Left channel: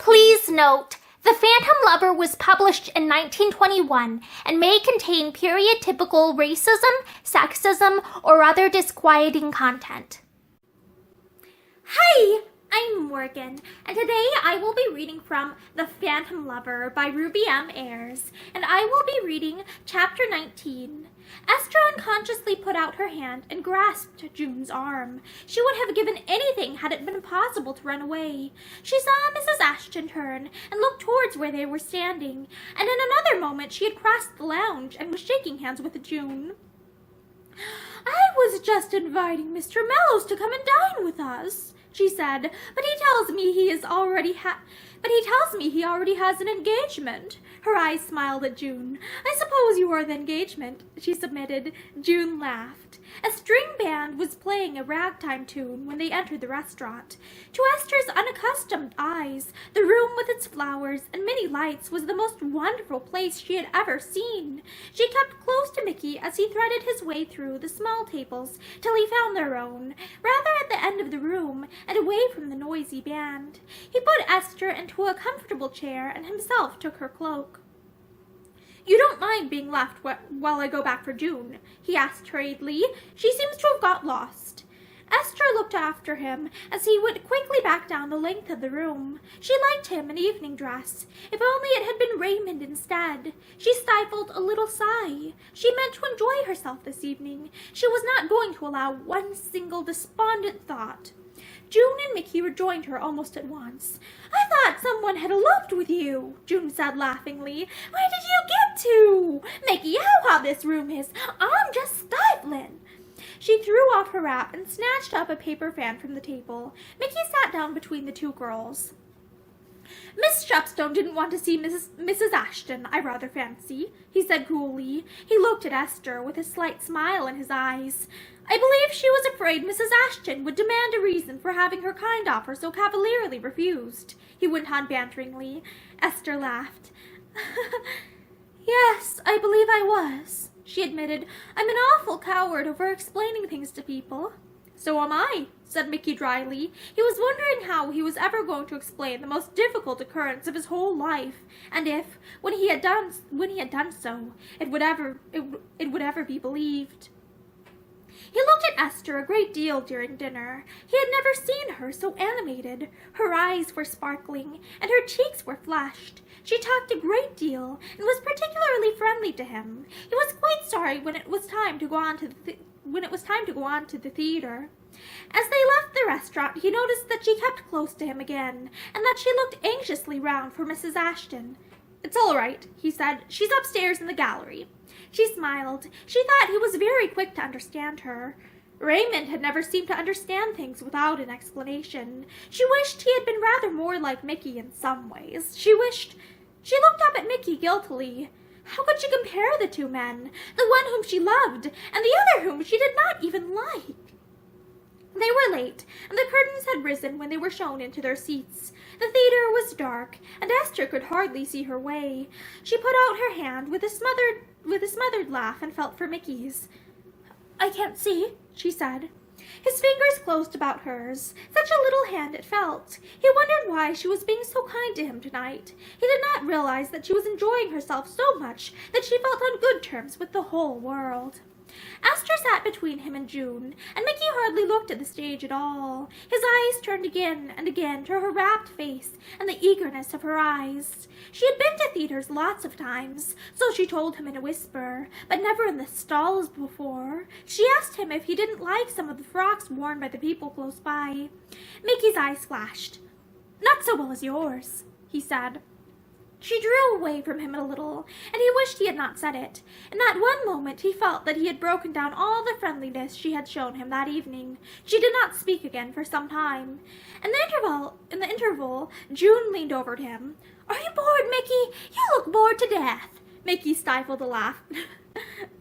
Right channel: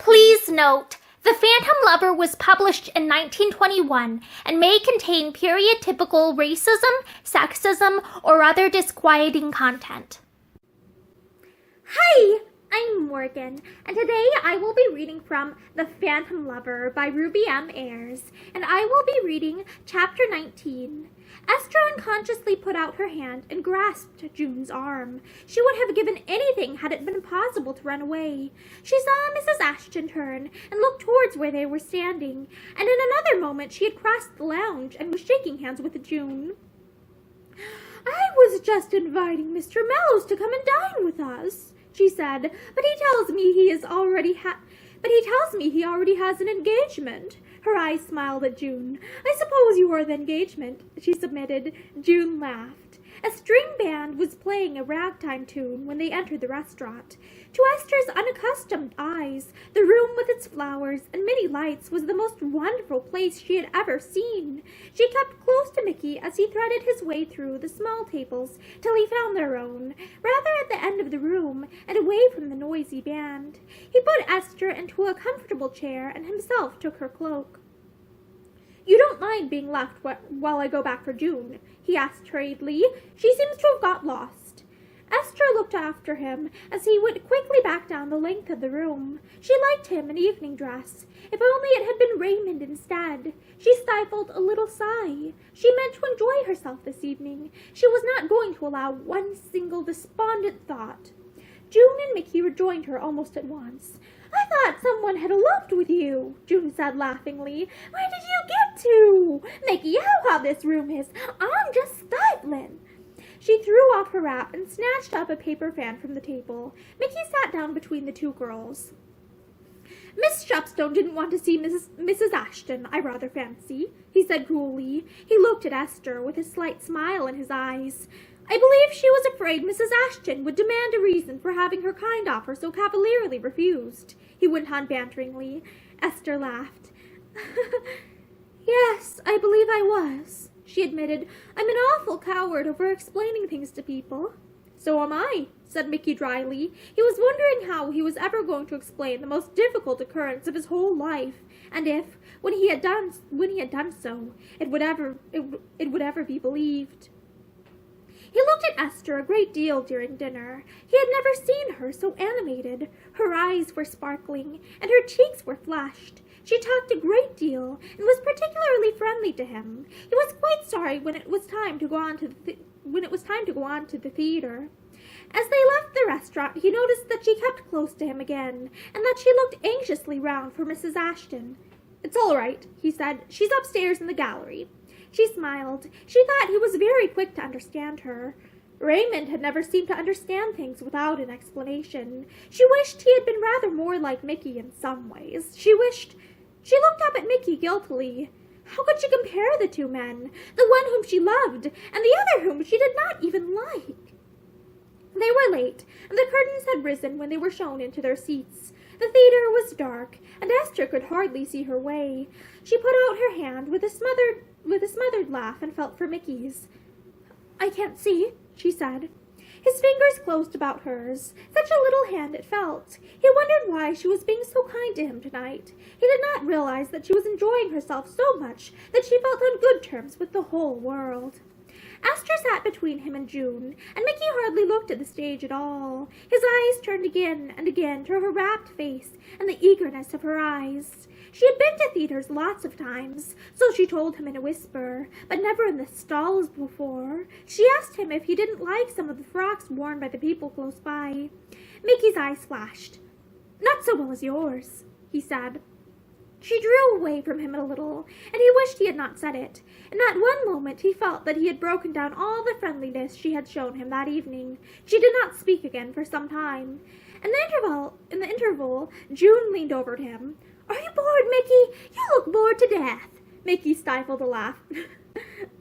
Please note, The Phantom Lover was published in 1921 and may contain period-typical racism, sexism, or other disquieting content. Hi, I'm Morgan, and today I will be reading from The Phantom Lover by Ruby M. Ayres, and I will be reading Chapter 19. Esther unconsciously put out her hand and grasped June's arm. She would have given anything had it been possible to run away. She saw Mrs. Ashton turn and look towards where they were standing, and in another moment she had crossed the lounge and was shaking hands with June. "I was just inviting Mr. Mellows to come and dine with us," she said, but he tells me he already has an engagement." Her eyes smiled at June. "I suppose you are the engagement," she submitted. June laughed. A string band was playing a ragtime tune when they entered the restaurant. To Esther's unaccustomed eyes, the room with its flowers and many lights was the most wonderful place she had ever seen. She kept close to Mickey as he threaded his way through the small tables till he found their own, rather at the end of the room and away from the noisy band. He put Esther into a comfortable chair and himself took her cloak. "You don't mind being left while I go back for June?" he asked hurriedly. "She seems to have got lost." Esther looked after him as he went quickly back down the length of the room. She liked him in evening dress. If only it had been Raymond instead. She stifled a little sigh. She meant to enjoy herself this evening. She was not going to allow one single despondent thought. June and Mickey rejoined her almost at once. "I thought someone had eloped with you," June said laughingly. "Where did you get to? Mickey, how hot this room is. I'm just stifling." She threw off her wrap and snatched up a paper fan from the table. Mickey sat down between the two girls. "Miss Shepstone didn't want to see Mrs. Ashton, I rather fancy," he said coolly. He looked at Esther with a slight smile in his eyes. "I believe she was afraid Mrs. Ashton would demand a reason for having her kind offer so cavalierly refused," he went on banteringly. Esther laughed. "Yes, I believe I was," she admitted. "I'm an awful coward over explaining things to people." "So am I," said Mickey dryly. He was wondering how he was ever going to explain the most difficult occurrence of his whole life, and if, when he had done so, it would ever be believed. He looked at Esther a great deal during dinner. He had never seen her so animated. Her eyes were sparkling, and her cheeks were flushed. She talked a great deal, and was particularly friendly to him. He was quite sorry when it was time to go on to the theater. As they left the restaurant, he noticed that she kept close to him again, and that she looked anxiously round for Mrs. Ashton. "It's all right," he said. "She's upstairs in the gallery." She smiled. She thought he was very quick to understand her. Raymond had never seemed to understand things without an explanation. She wished he had been rather more like Mickey in some ways. She looked up at Mickey guiltily. How could she compare the two men, the one whom she loved, and the other whom she did not even like? They were late, and the curtains had risen when they were shown into their seats. The theater was dark, and Esther could hardly see her way. She put out her hand with a smothered laugh and felt for Mickey's. "I can't see," she said. His fingers closed about hers. Such a little hand it felt. He wondered why she was being so kind to him tonight. He did not realize that she was enjoying herself so much that she felt on good terms with the whole world. Esther sat between him and June, and Mickey hardly looked at the stage at all. His eyes turned again and again to her rapt face and the eagerness of her eyes. She had been to theaters lots of times, so she told him in a whisper, but never in the stalls before. She asked him if he didn't like some of the frocks worn by the people close by. Mickey's eyes flashed. "Not so well as yours," he said. She drew away from him a little, and he wished he had not said it. In that one moment he felt that he had broken down all the friendliness she had shown him that evening. She did not speak again for some time. In the interval, June leaned over to him. "Are you bored, Mickey? You look bored to death." Mickey stifled a laugh.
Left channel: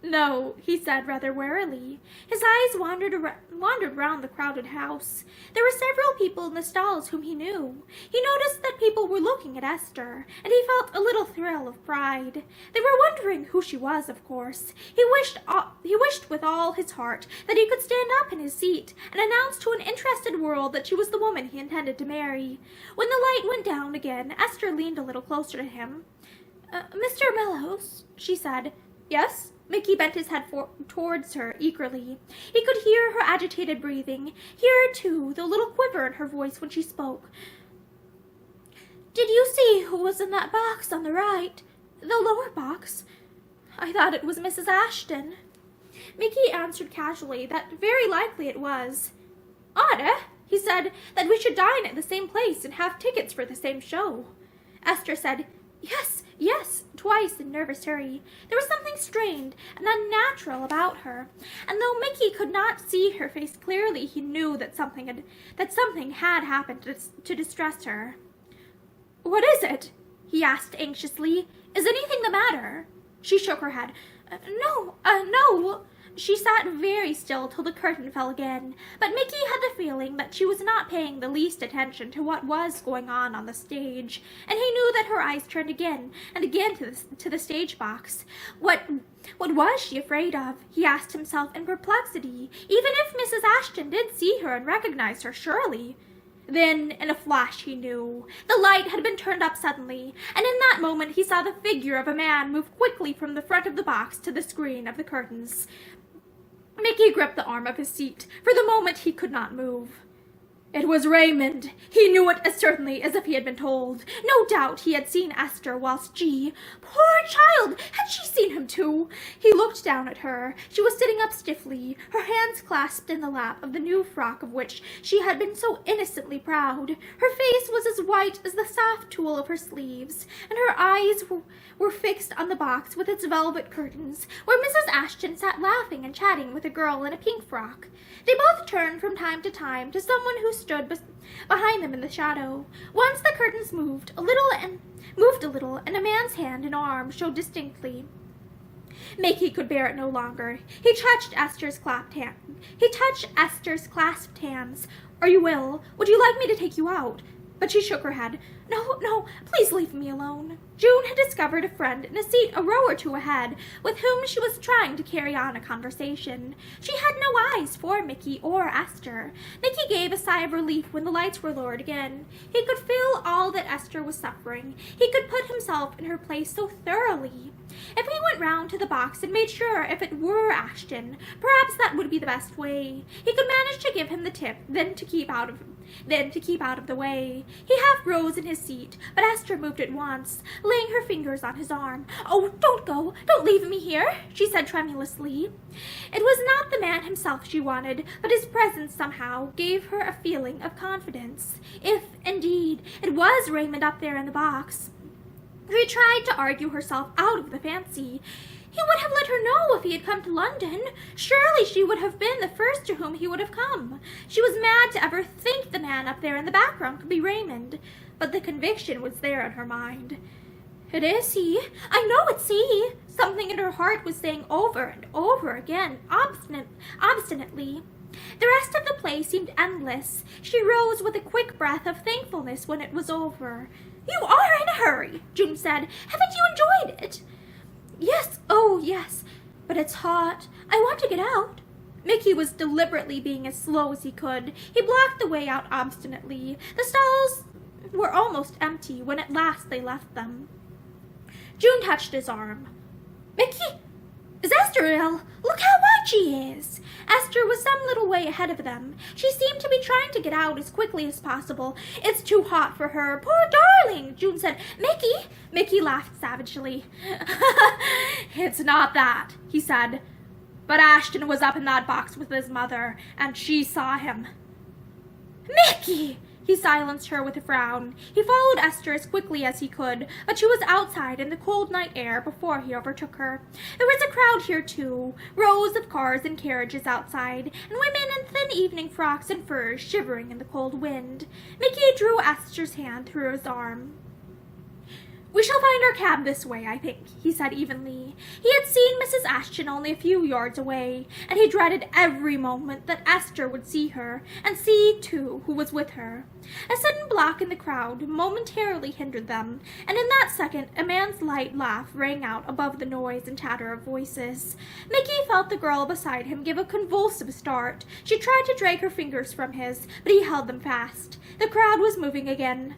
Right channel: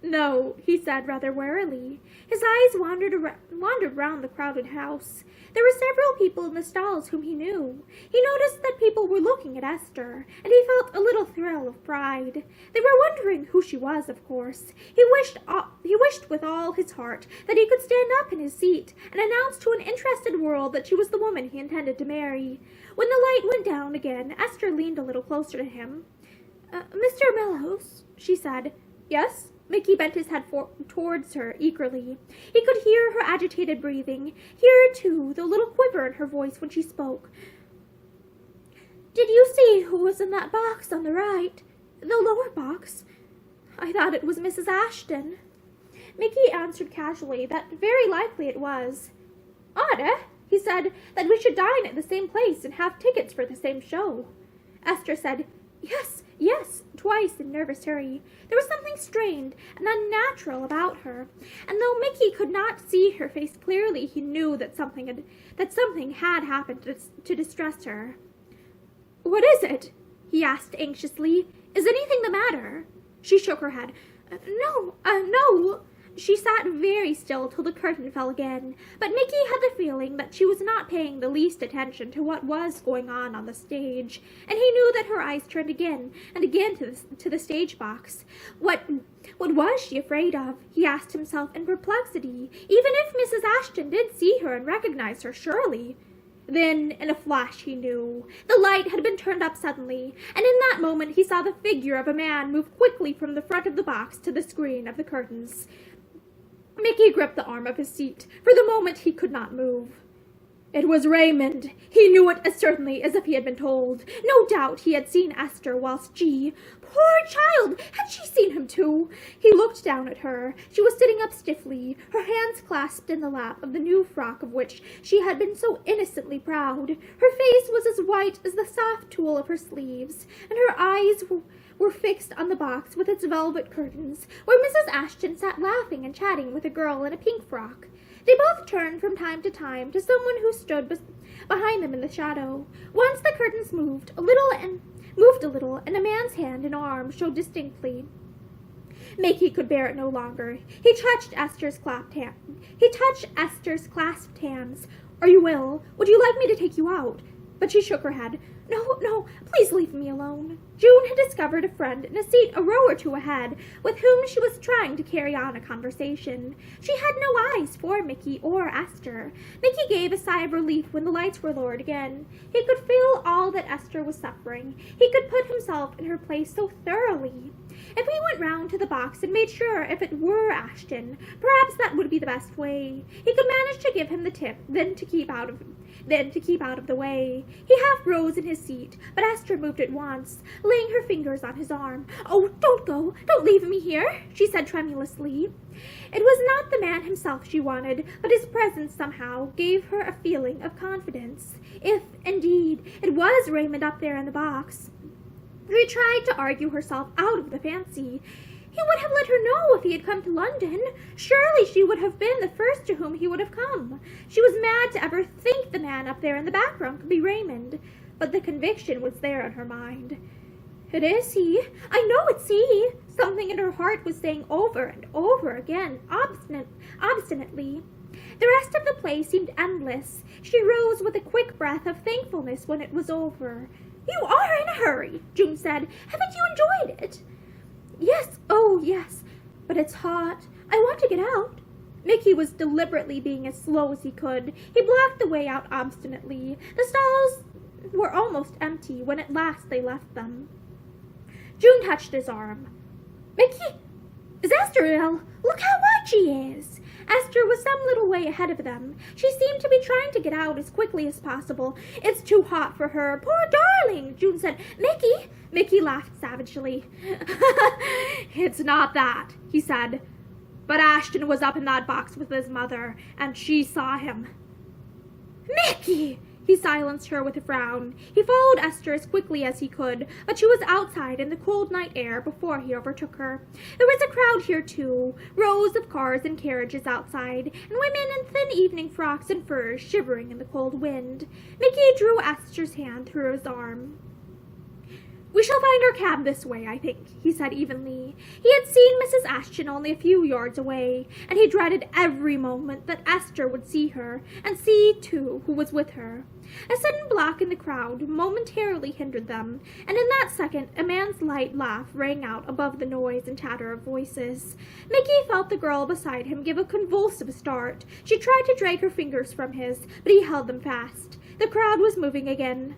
"No," he said rather wearily. His eyes wandered round the crowded house. There were several people in the stalls whom he knew. He noticed that people were looking looking at Esther, and he felt a little thrill of pride. They were wondering who she was, of course. He wished with all his heart that he could stand up in his seat and announce to an interested world that she was the woman he intended to marry. When the light went down again, Esther leaned a little closer to him. Mr. Mellows, she said. Yes? Mickey bent his head towards her eagerly. He could hear her agitated breathing, hear, too, the little quiver in her voice when she spoke. Did you see who was in that box on the right? The lower box? I thought it was Mrs. Ashton. Mickey answered casually that very likely it was. Odd, eh? He said that we should dine at the same place and have tickets for the same show. Esther said, Yes, twice in nervous hurry. There was something strained and unnatural about her, and though Mickey could not see her face clearly, he knew that something had happened to distress her. What is it? He asked anxiously. Is anything the matter? She shook her head. No. She sat very still till the curtain fell again, but Mickey had the feeling that she was not paying the least attention to what was going on the stage, and he knew that her eyes turned again and again to the stage box. What was she afraid of? He asked himself in perplexity. Even if Mrs. Ashton did see her and recognize her, surely. Then, in a flash, he knew. The light had been turned up suddenly, and in that moment he saw the figure of a man move quickly from the front of the box to the screen of the curtains. Mickey gripped the arm of his seat. For the moment he could not move. It was Raymond. He knew it as certainly as if he had been told. No doubt he had seen Esther whilst she... Poor child! Had she seen him too? He looked down at her. She was sitting up stiffly, her hands clasped in the lap of the new frock of which she had been so innocently proud. Her face was as white as the soft tulle of her sleeves, and her eyes were fixed on the box with its velvet curtains, where Mrs. Ashton sat laughing and chatting with a girl in a pink frock. They both turned from time to time to someone who stood behind them in the shadow. Once the curtains moved a little, and a man's hand and arm showed distinctly. Mickey could bear it no longer. He touched Esther's clasped hands. Are you ill? Would you like me to take you out? But she shook her head. No, please leave me alone. June had discovered a friend in a seat a row or two ahead, with whom she was trying to carry on a conversation. She had no eyes for Mickey or Esther. Mickey gave a sigh of relief when the lights were lowered again. He could feel all that Esther was suffering. He could put himself in her place so thoroughly. If he went round to the box and made sure if it were Ashton, perhaps that would be the best way. He could manage to give him the tip, then to keep out of the way. He half rose in his seat, but Esther moved at once, laying her fingers on his arm. Oh, don't go! Don't leave me here, she said tremulously. It was not the man himself she wanted, but his presence somehow gave her a feeling of confidence. If, indeed, it was Raymond up there in the box. She tried to argue herself out of the fancy. He would have let her know if he had come to London. Surely she would have been the first to whom he would have come. She was mad to ever think the man up there in the background could be Raymond, but the conviction was there in her mind. It is he. I know it's he. Something in her heart was saying over and over again, obstinately. The rest of the play seemed endless. She rose with a quick breath of thankfulness when it was over. You are in a hurry, June said. Haven't you enjoyed it? Yes, oh yes, but it's hot. I want to get out. Mickey was deliberately being as slow as he could. He blocked the way out obstinately. The stalls were almost empty when at last they left them. June touched his arm. Mickey, is Esther ill? Look how white she is. Esther was some little way ahead of them. She seemed to be trying to get out as quickly as possible. It's too hot for her. Poor darling, June said. Mickey laughed savagely. It's not that, he said. But Ashton was up in that box with his mother, and she saw him. Mickey! He silenced her with a frown. He followed Esther as quickly as he could, but she was outside in the cold night air before he overtook her. There was a crowd here, too, rows of cars and carriages outside, and women in thin evening frocks and furs shivering in the cold wind. Mickey drew Esther's hand through his arm. "We shall find our cab this way, I think," he said evenly. He had seen Mrs. Ashton only a few yards away, and he dreaded every moment that Esther would see her, and see, too, who was with her. A sudden block in the crowd momentarily hindered them, and in that second a man's light laugh rang out above the noise and chatter of voices. Mickey felt the girl beside him give a convulsive start. She tried to drag her fingers from his, but he held them fast. The crowd was moving again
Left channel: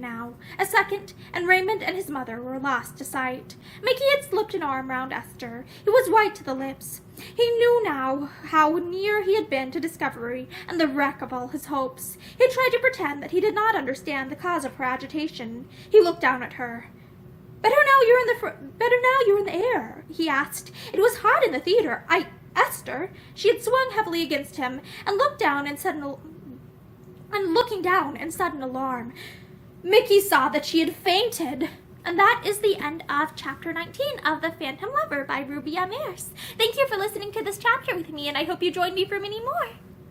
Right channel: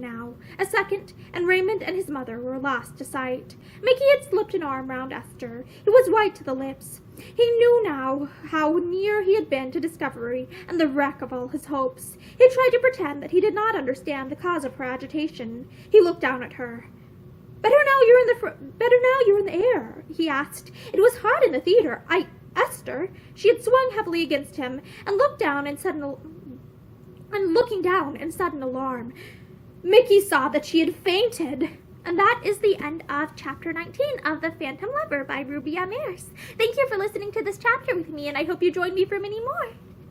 now. A second, and Raymond and his mother were lost to sight. Mickey had slipped an arm round Esther. He was white to the lips. He knew now how near he had been to discovery and the wreck of all his hopes. He tried to pretend that he did not understand the cause of her agitation. He looked down at her. Better now you're in the air," he asked. "It was hot in the theater. Esther." She had swung heavily against him and looking down in sudden alarm. Mickey saw that she had fainted. And that is the end of chapter 19 of The Phantom Lover by Ruby Ayres. Thank you for listening to this chapter with me, and I hope you join me for many more.